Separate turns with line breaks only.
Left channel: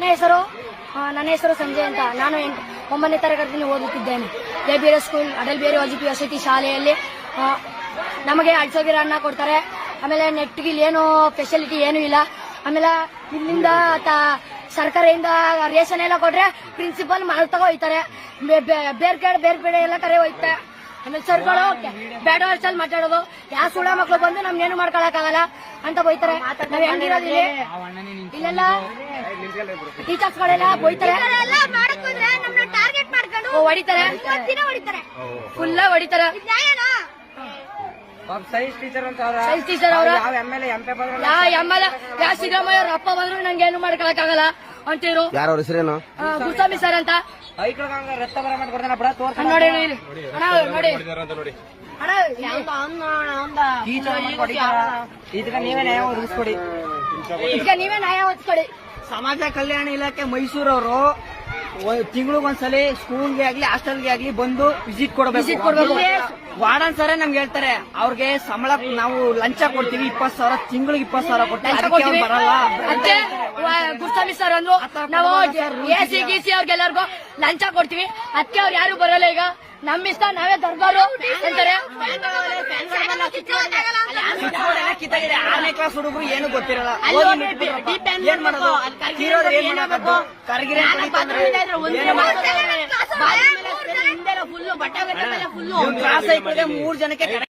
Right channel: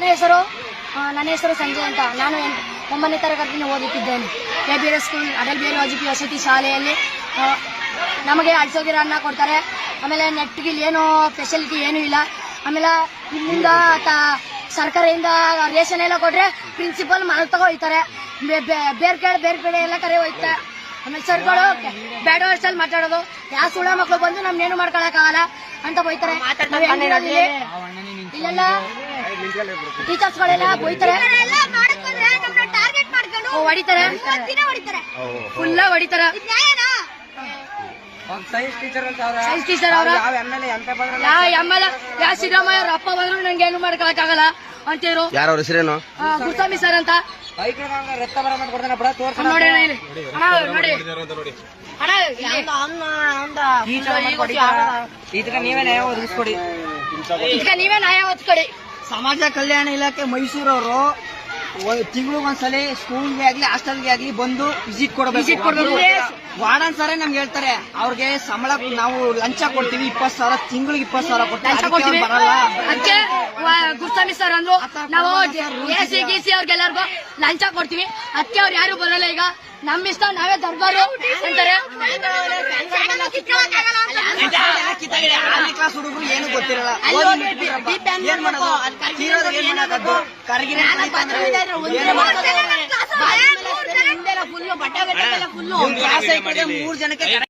ನನ್ನ ಹೆಸರು ಸಂಜಯ್ ಅಂತ. ನಾನು 9ನೇ ತರಗತಿಯಲ್ಲಿ ಓದುತ್ತಿದ್ದೇನೆ. KBRS ಸ್ಕೂಲ್ ಅಟಲ್ ಬಿಹಾರಿ ವಾಜಪೇಯಿ ವಸತಿ ಶಾಲೆಯಲ್ಲಿ. ನಮಗೆ 2,000 ಅನ್ನ ಕೊಡ್ತಾರೆ. ಆಮೇಲೆ ನೆಟ್ಗೆ ಏನು ಫೆಸಿಲಿಟಿ ಏನೂ ಇಲ್ಲ. ಆಮೇಲೆ ಇಲ್ಲಿಂದ ಸರ್ಕಾರದಿಂದ ರೇಷನ್ ಎಲ್ಲ ಕೊಟ್ರೆ ಪ್ರಿನ್ಸಿಪಲ್ ಮಾಲ್ ತಗೋ ಹೋಯ್ತಾರೆ. ಬೇರೆ ಕಡೆ ಎಲ್ಲ ಕರೆ ಹೋಯ್ತಾರೆ. ಆಮೇಲೆ ಸರ್ಗಳು ಬೇಡ ವರ್ಷದಲ್ಲಿ ಮಾತಾಡೋದು, ಯಾವ ಸುಳ್ಳ ಮಕ್ಳು ಬಂದು ನಮ್ನೇನು ಮಾಡ್ಕೊಳಕ್ಕಾಗಲ್ಲ ಅಂತ ಬೈತಾರೆ. ನಾವ್ ಹೆಂಗಿರೋದು ಇಲ್ಲೆಲ್ಲ ಟೀಚರ್ಸ್ಗಳೆಲ್ಲ ಬೈತಾರೆ, ಹೊಡಿತಾರೆ, ಫುಲ್ಲ ಹೊಡಿತಾರೆ.
ಸೈನ್ಸ್ ಟೀಚರ್ ಅಂತ
ಯಾವ ಸಿದ್ದರಾಮಯ್ಯ ಅವ್ರ ಅಪ್ಪ ಬಂದ್ರು ನಂಗೆ ಏನು ಮಾಡ್ಕೊಳಕ್ಕಾಗಲ್ಲ ಅಂತಿರು.
ಯಾರ ಹೆಸರೇನು?
ಗುಸ್ವಾಮಿ ಸರ್ ಅಂತ.
ರಕ್ತ ಬರ ಮಾಡ್ಕೊಡ್ತಾನ ಬಡ ತೋರ್ಸ
ನೋಡಿ
ನೀವೇ ನ್ಯಾಯ ಒದಗಿಸ್ಕೊಡಿ.
ನೀವೇ ನ್ಯಾಯ ಒದಗಿಸ್ಕೊಡಿ.
ಸಮಾಜ ಕಲ್ಯಾಣ ಇಲಾಖೆ ಮೈಸೂರವರು ತಿಂಗಳಿಗೊಂದ್ಸಲಿ ಸ್ಕೂಲ್ಗೆ ಆಗ್ಲಿ ಹಾಸ್ಟೆಲ್ಗೆ ಆಗ್ಲಿ ಬಂದು ವಿಸಿಟ್ ಕೊಡಬೇಕು. ವಾರ್ಡನ್ ಸರೇ ನಮ್ಗೆ ಹೇಳ್ತಾರೆ ಅವ್ರಿಗೆ ಸಂಬಳ ನಾವು ಲಂಚ ಕೊಡ್ತೀವಿ 20,000, ತಿಂಗಳಿಗೆ 20,000 ಕೊಡ್ತೀವಿ, ಅದಕ್ಕೆ ಅವ್ರು ಬರಲ್ಲ.
ಗುಸ್ವಾಮಿ ಸರ್ ಅಂದ್ರು ನಾವು AC GC ಅವ್ರಿಗೆಲ್ಲರಿಗೂ ಲಂಚ ಕೊಡ್ತೀವಿ, ಅದಕ್ಕೆ ಅವ್ರು ಯಾರು ಬರಲ್ಲ. ಈಗ ನಮ್ ಇಷ್ಟ ನಾವೇ ದರ್ಬಾರು ಅಂತಾರೆ.
ಕ್ಲಾಸ್ ಹುಡುಗರು ಏನು ಗೊತ್ತಿರಲ್ಲ. ಕ್ಲಾಸ್ 3 ಜನಕ್ಕೆ